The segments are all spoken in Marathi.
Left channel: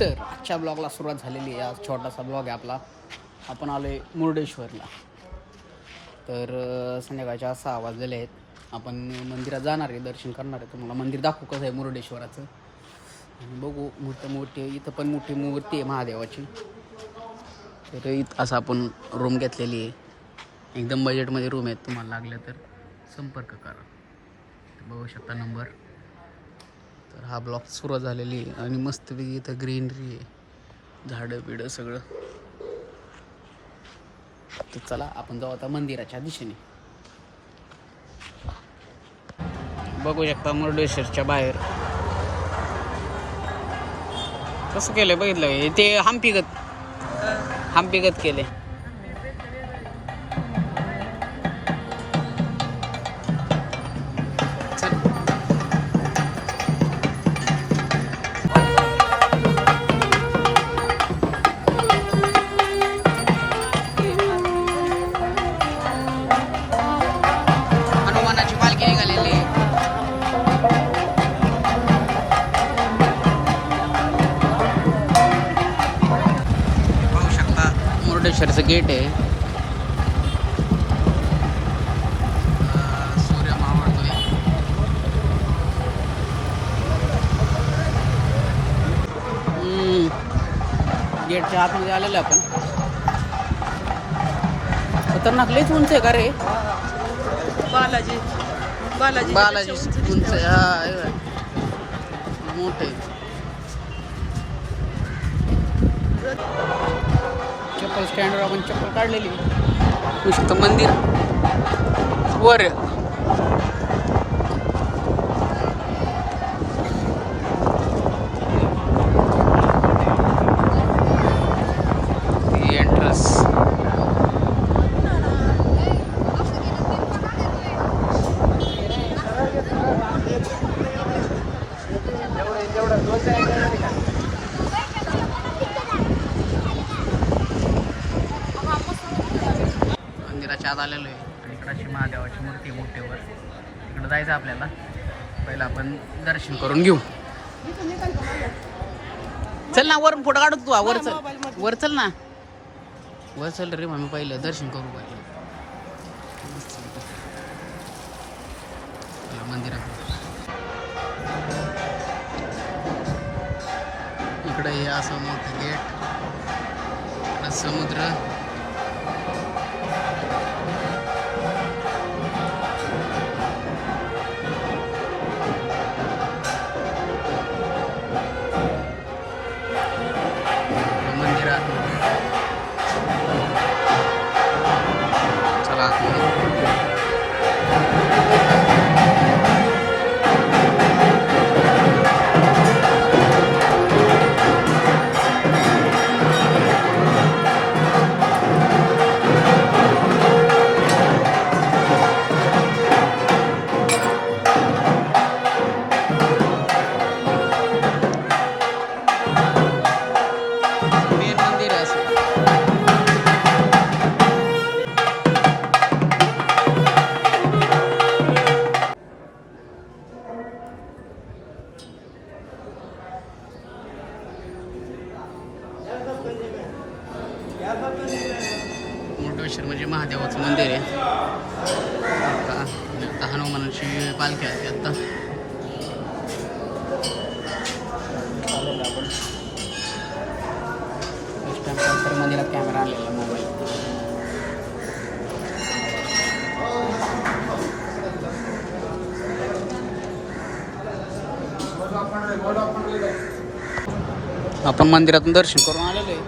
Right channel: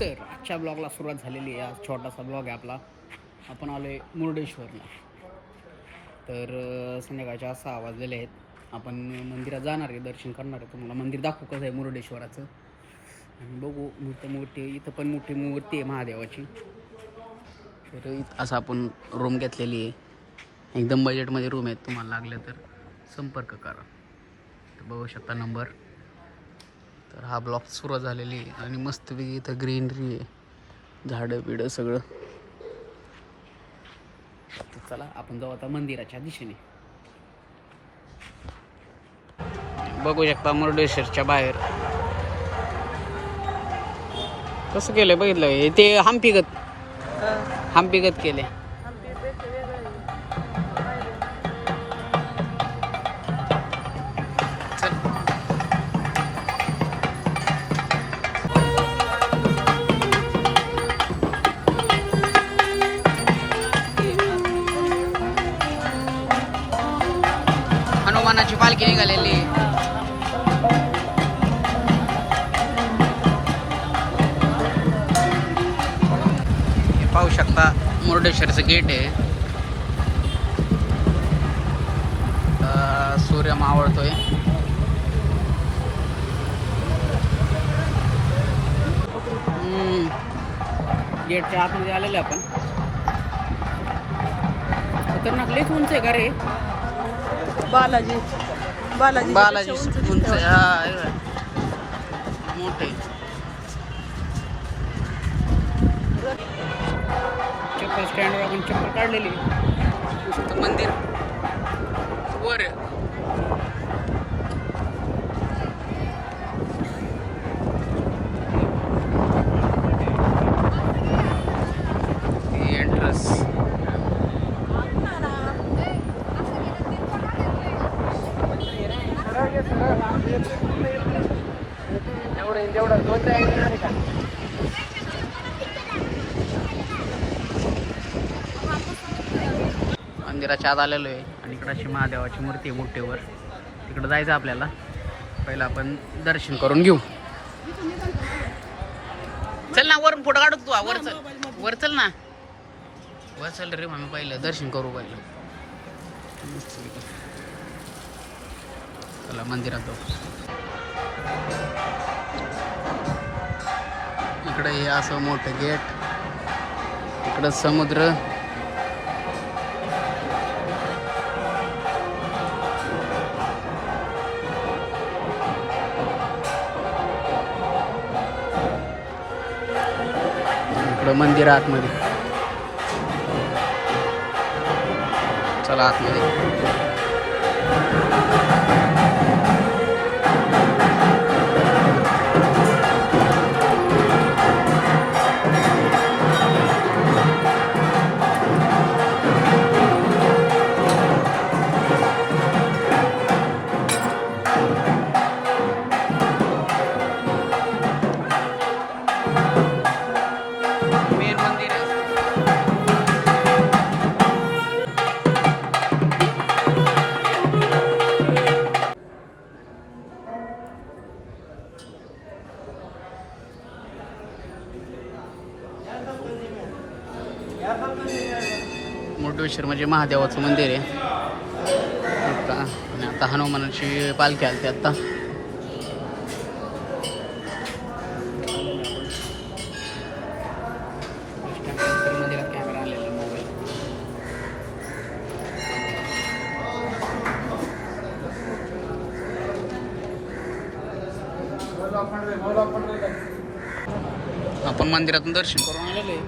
तर आजच्या ब्लॉगला सुरुवात झालेली आहे. आज छोटासा ब्लॉग आहे आपला. आपण आलो आहे मुर्डेश्वरला. तर संध्याकाळच्या 6 वाजलेले आहेत. आपण मंदिरात जाणार आहे, दर्शन करणार आहे. तुम्हाला मंदिर दाखवू कसं आहे मुर्डेश्वराचं. आणि बघू मोठी इथं पण मोठी मूर्ती आहे महादेवाची. तर इथं असं आपण रूम घेतलेली आहे. एकदम बजेटमध्ये रूम आहेत. तुम्हाला लागलं तर संपर्क करा. बघू शकता नंबर. तर हा ब्लॉग सुरू झालेली आहे आणि मस्तपैकी इथं ग्रीनरी आहे, झाडं बिडं सगळं. तर चला आपण जाऊ आता मंदिराच्या दिशेने. बघू शकता मुर्डेश्वरच्या बाहेर कसं केलंय बघितलं. ते हम्पीगत केलंय. हनुमानाची पालखी निघालेली. पाहू शकता मुर्डेश्वरचं गेट आहे. सूर्य मावळतोय. गेटच्या आतमध्ये आलेलं आपण. खतरनाक लयच उंच आहे का रे. बालाजी उंच मोठे. चप्पल स्टँडवर आपण चप्पल काढलेली. नुसतं मंदिर वर एंट्रन्स. मंदिराच्या आत आलेलो आहे आणि इकडची महादेवाची मूर्ती मोठीवर. इकडं जायचं आपल्याला. पहिलं आपण दर्शन करून घेऊ. चल ना वरून फोटो काढतो तू. वर चल ना. वर चल रे मग पहिलं दर्शन करू. पहिलं चला मंदिरात जाऊ. इकडं हे असं मोठं गेट. इकडं समुद्र. मंदिर आतमध्ये. चला आतमध्ये. मुर्डेश्वर म्हणजे महादेवाचं मंदिर आहे. आणि आता हनुमानाची पालखी आली आता. मंदिरात कॅमेरा आलेला. आपण मंदिरातून दर्शन करून आलेलो आहे.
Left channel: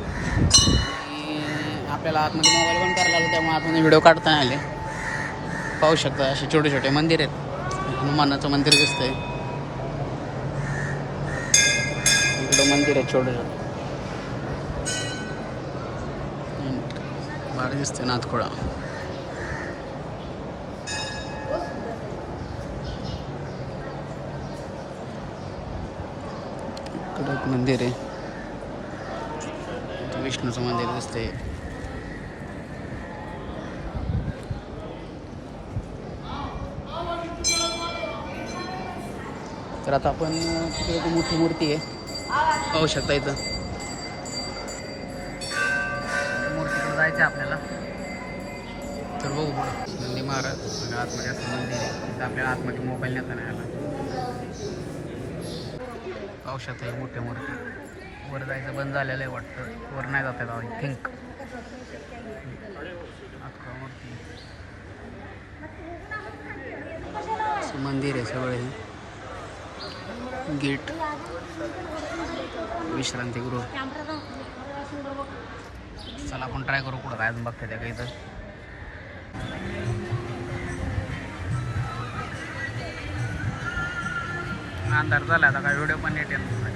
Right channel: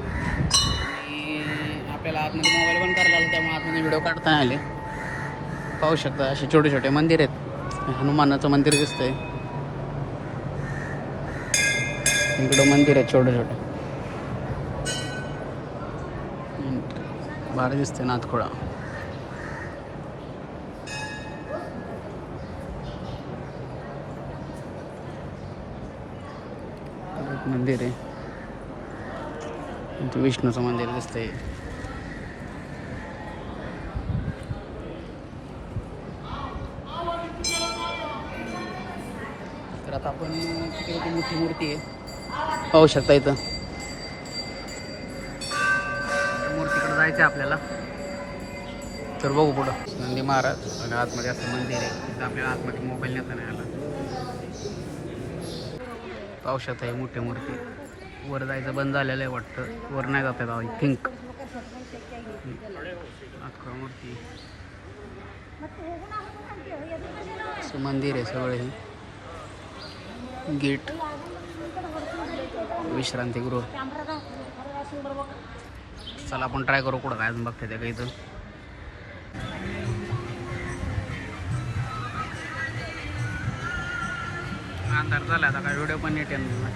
आपल्याला आतमध्ये मोबाईल बंद करायला लागला, त्यामुळे आतमध्ये व्हिडिओ काढता आले. पाहू शकता असे छोटे छोटे मंदिर आहेत. हनुमानाचं मंदिर दिसतंय. इकडे मंदिर आहे छोटे छोटे. भारी दिसतंय नाथखोळा. इकडे एक मंदिर आहे. विष्णूचं मंदिर दिसतंय. तर आता आपण तिकडे ती मोठी मूर्ती आहे पाहू शकता इथं. जायचं आहे आपल्याला, तर बघू पुढं. नंदी महाराज आणि आतमध्ये असं मंदिर आहे, तिथं आपल्याला आतमध्ये मोबाईल नेता नाही आला. पावसात आहे मोठ्या मूर्ती. वर जायचं बंद झालेलं आहे वाटतं, वर नाही जात आहे आय थिंक. मूर्ती मंदिर आहे सगळे. गेट विश्रांतीगृह. चला आपण ट्राय करू कुठं काय अजून बघता त्या काही. तर अंधार झाला आता, काय व्हिडिओ पण नीट येणार नाही.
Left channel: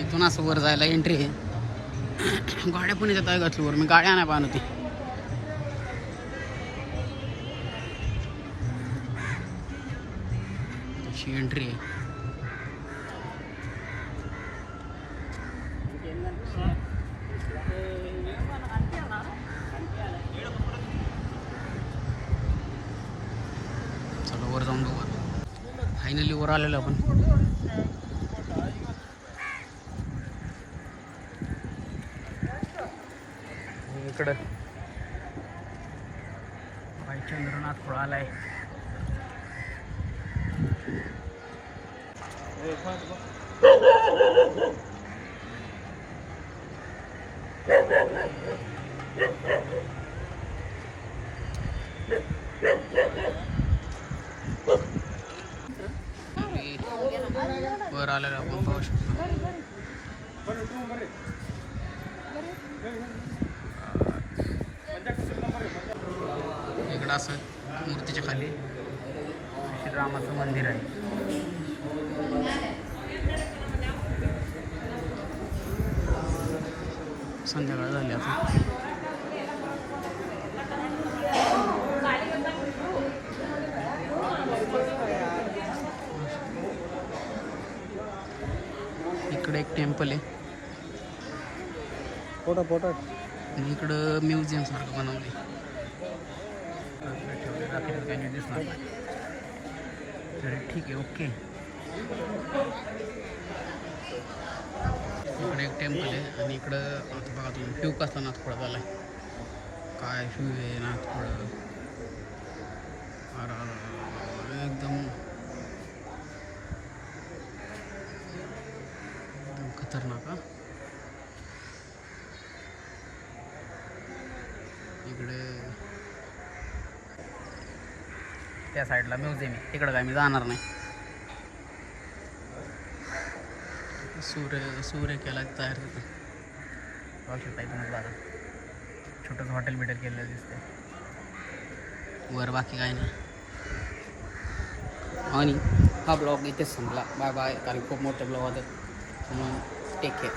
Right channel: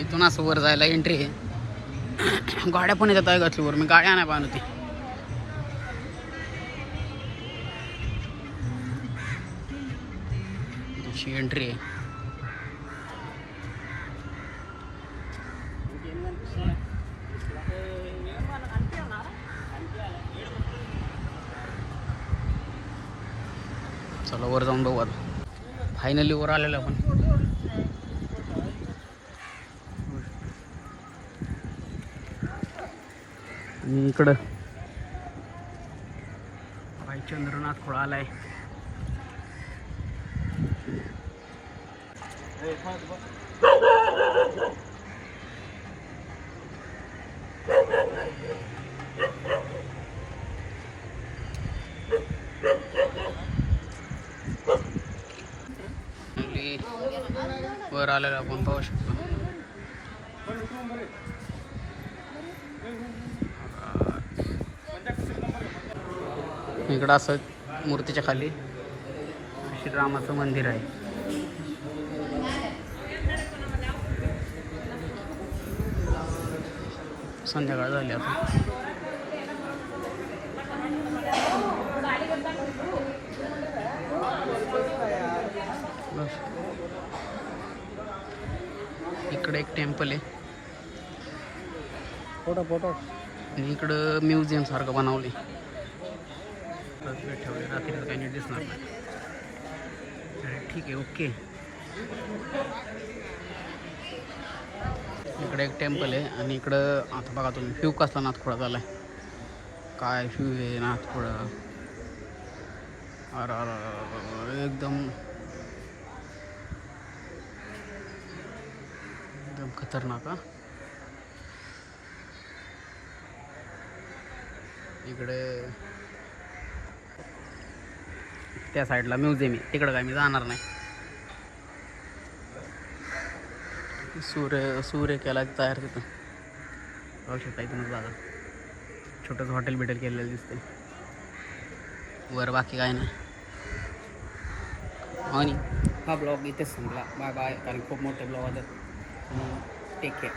इथून असं वर जायला एंट्री आहे. गाड्या पण येतात आहे घातली वर, मी गाड्या नाही पाहणं ती. अशी एंट्री आहे. चला वर जाऊन बघू आता. फायनली वर आलेलो आपण. इकडं भाईचंद्रनाथ खुळा आलाय. वर आलेलं आपण पाहू शकतो. इकडं असं मूर्तीच्या खाली श्रीरामाचं मंदिर आहे. संध्याकाळ झाली आता. इकडे एक टेम्पल आहे आणि इकडं म्युझियम सारखं बनवले. ठेवले रात्री काही नाही दिसणार. ठीक आहे, ओके. इकडे एक टेम्पल आहे आणि इकडं आता बघा तुम्ही फ्यू कसला नाथखोळा झाला आहे. काय फ्यू आहे नाथखोळा. एकदम खतरनाक. इकडे त्या साईडला म्युझियम आहे, तिकडं काय मी जाणार नाही. सूर्य केला तयार तिथं बघू शकता. इथूनच जागा छोटंसं हॉटेल बिटेल केलेलं दिसते वर, बाकी काय नाही. आणि हा ब्लॉग इथेच संपला. Bye bye. कारण खूप मोठे ब्लॉग होतात म्हणून टेक केअर.